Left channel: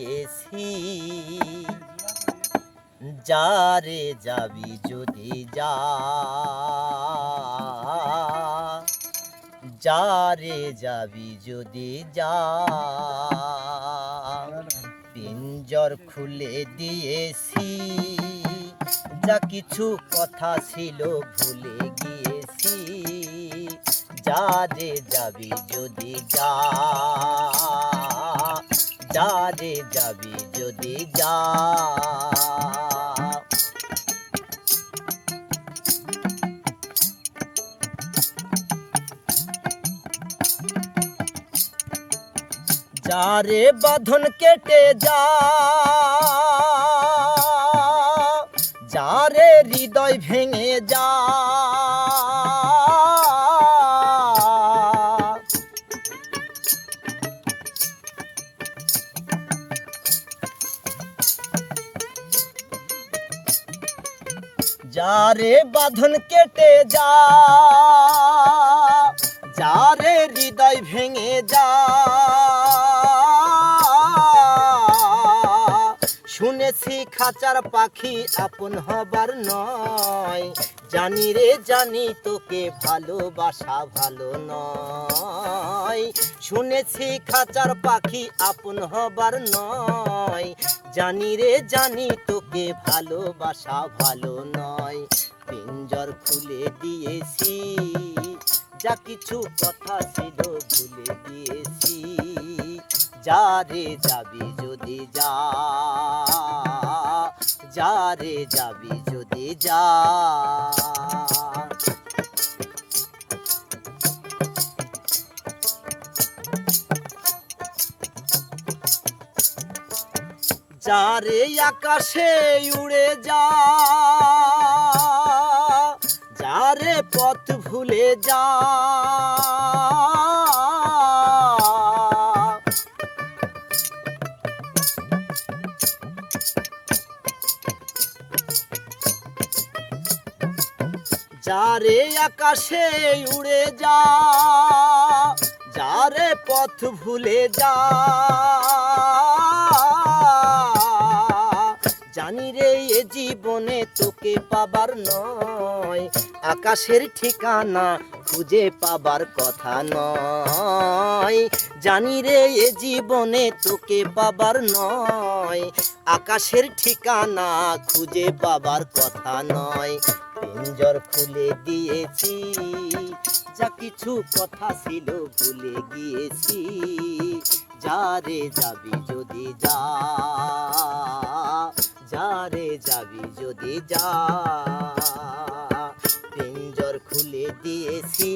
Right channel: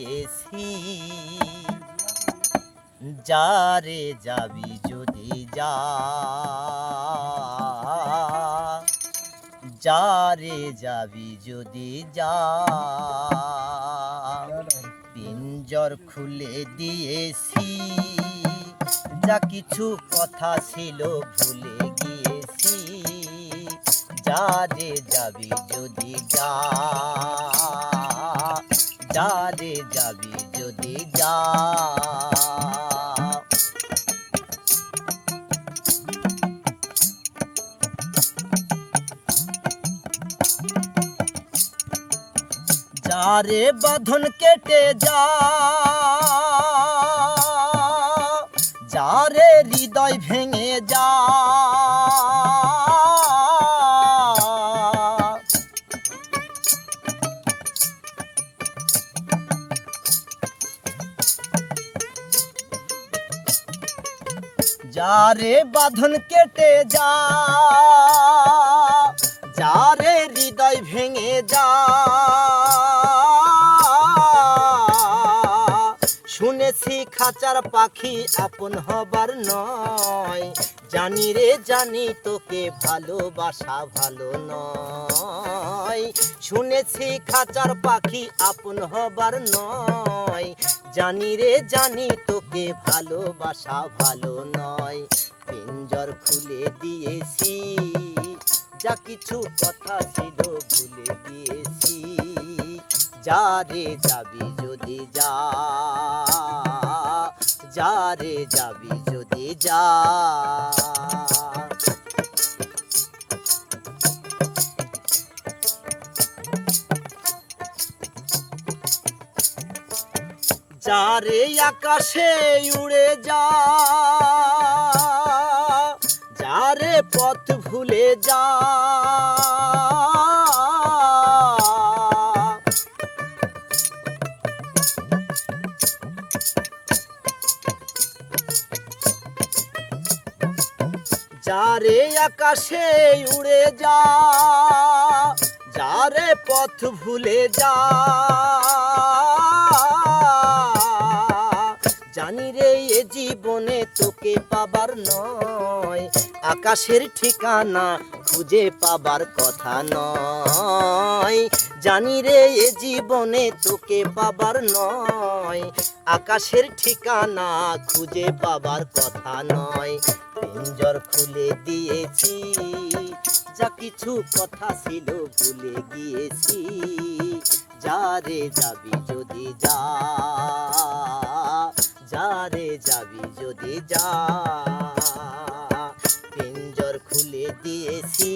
দিয়েছি, যারে যাবি যদি যা, যারে যাবি যদি যা। পিঞ্জর খুলে দিয়েছি, যা কিছু কথা ছিল ভুলে গিয়েছি, যারে যাবি যদি যা, যারে যাবি যদি যা। যারে বাঁধন কেটে যা, যারে হৃদয় ভেঙে যা, যারে বাঁধন কেটে যা, যারে হৃদয় ভেঙে যা। শুনেছি খাঁচার পাখি আপন হবার নয়, জানি রে জানি তোকে ভালোবাসা ভালো নয়। শুনেছি খাঁচার পাখি আপন হবার নয়, জানি রে জানি তোকে ভালোবাসা ভালো নয়। পিঞ্জর খুলে দিয়েছি, যা কিছু কথা ছিল ভুলে গিয়েছি, যারে যাবি যদি যা, যারে যাবি যদি যা। যারে আকাশে উড়ে যা, যারে পথ ভুলে যা। যারে আকাশে উড়ে যা, যারে পথ ভুলে যা। জানি রে এ জীবনে তোকে পাবার নয়, আকাশের ঠিকানা খুঁজে পাবার কথা নয়। জানি রে এ জীবনে তোকে পাবার নয়, আকাশের ঠিকানা খুঁজে পাবার কথা নয়। পিঞ্জর খুলে দিয়েছি, যা কিছু কথা ছিল ভুলে গিয়েছি, যারে যাবি যদি যা, যারে যাবি যদি যা। পিঞ্জর খুলে দিয়েছি,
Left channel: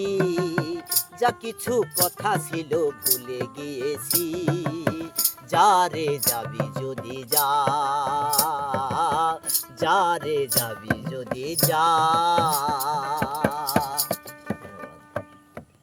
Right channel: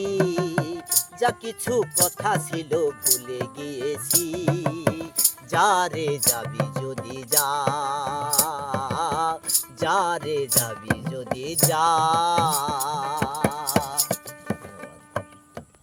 যা কিছু কথা ছিল ভুলে গিয়েছি, যারে যাবি যদি যা, যারে যাবি যদি যা।